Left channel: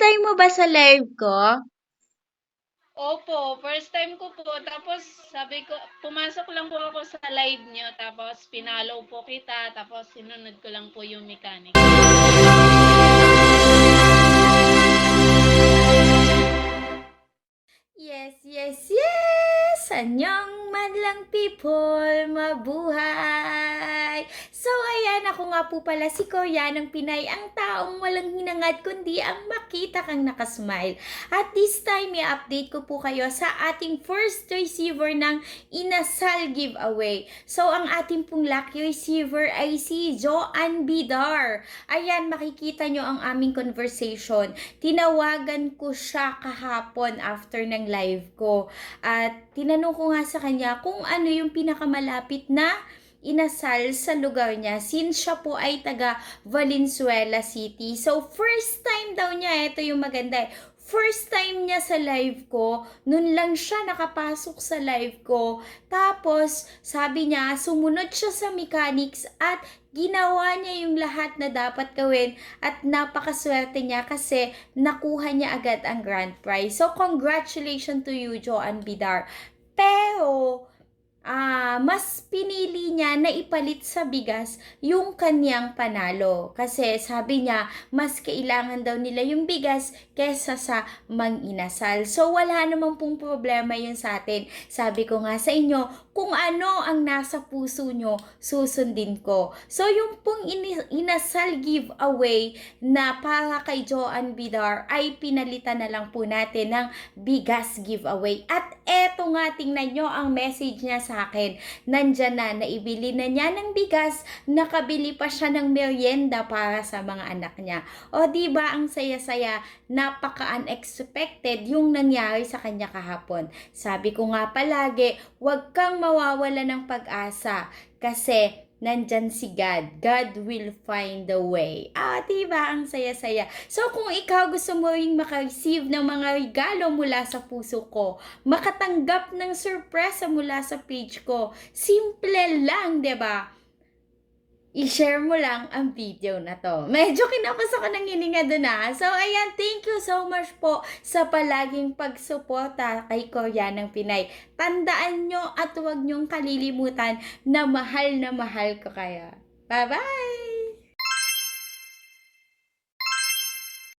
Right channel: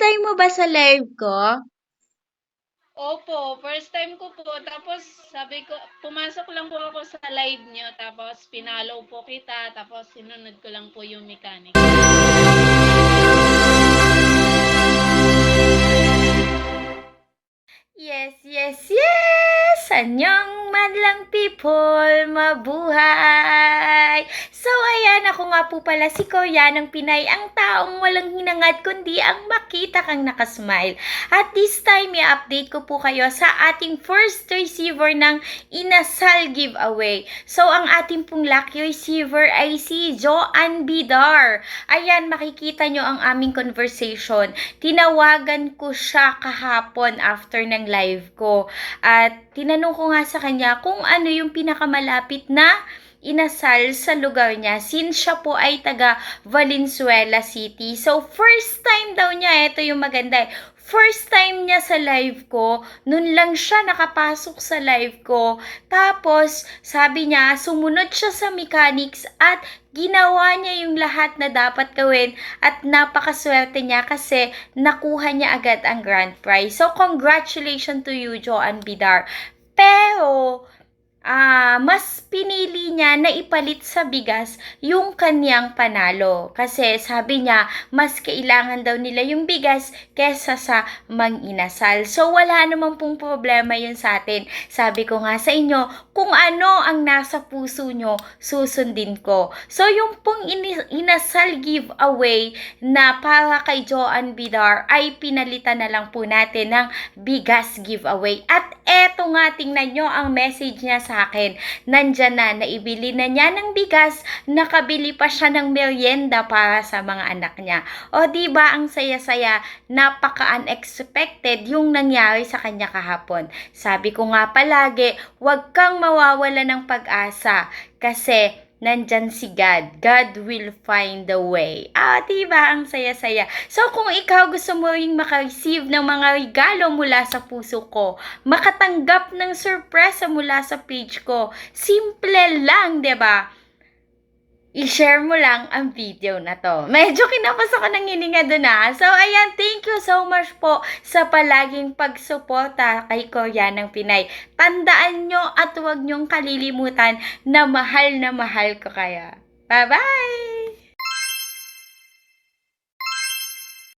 time mo ba sa live ko? Opo, first time ko po. Tapos sabi ko, pumasok lang po ako sa live nyo. Tapos pinalo po kita. Tapos sinunod ko lang po yung mechanic. Yes, yes, yes! Anyong madlang people, mabuhay! So, ayan, ako nga po pala si Koya ng Pinay, ang taong walang hinangad kundi ang makita kang nakasmile. At this time, i-update ko po kayo sa ating first receiver ng Inasal giveaway. So, ang ating pong lucky receiver ay si Joanne Bidar. Ayan, makikita nyo ang aming conversation. Tinawagan ko siya kahapon after ng live ko. At tinanong ko nga sa kanya kung ano yung pinakamalapit na inasal sa lugar niya since siya po ay taga Valenzuela City. So, first time daw niya, ito yung maganda eh. First time niya sa live ko, nun lang siya nakapasok sa live ko. Tapos, sabi niya, sumunod siya sa mechanics at ginawa niya yung lahat na dapat gawin at napakaswerte niya kasi nakuha niya agad ang grand prize. So, congratulations to you, Joanne Bidar. pedo ah mas pinili niya na ipalit sa bigas yung kanyang panalo. Kasi sabi niya, mas kailangan daw nila yung bigas kesa sa manginasal. So, wala namang pong problema yun sa atin. Sabi ko nga sa inyo, kung ano ang nasa puso nyo, susundin ko. So, yung pong inasal giveaway na para kay Joanne Bidar ay pinalitan na lang po natin ng bigas giveaway. At eto nga, tingnan nyo ang message niya sa akin. Nandyan na, naibili na niya ng bigas, nakabili pa siya ng merienda para sa mga anak niya. O ba ang saya-saya, napaka-unexpected yung nangyari sa kanya kahapon. Sabi ko nga palagi, huwag kang mawawala ng pag-asa kasi nandyan si God. God will find the way. Ah, diba? Ang saya-saya. So, kung ikaw gusto mo ring makareceive ng mga regalo mula sa puso ko, makatanggap ng sorpresa mula sa page ko, simple lang, ba? I-share mo lang ang video na to. Medyo kinapos ako ng hininga doon ha. So, ayan, thank you so much po sa palaging pagsuporta kay Korea ng Pinay. Tandaan nyo at huwag nyong kalilimutan na mahal na mahal ko kaya. Bye-bye!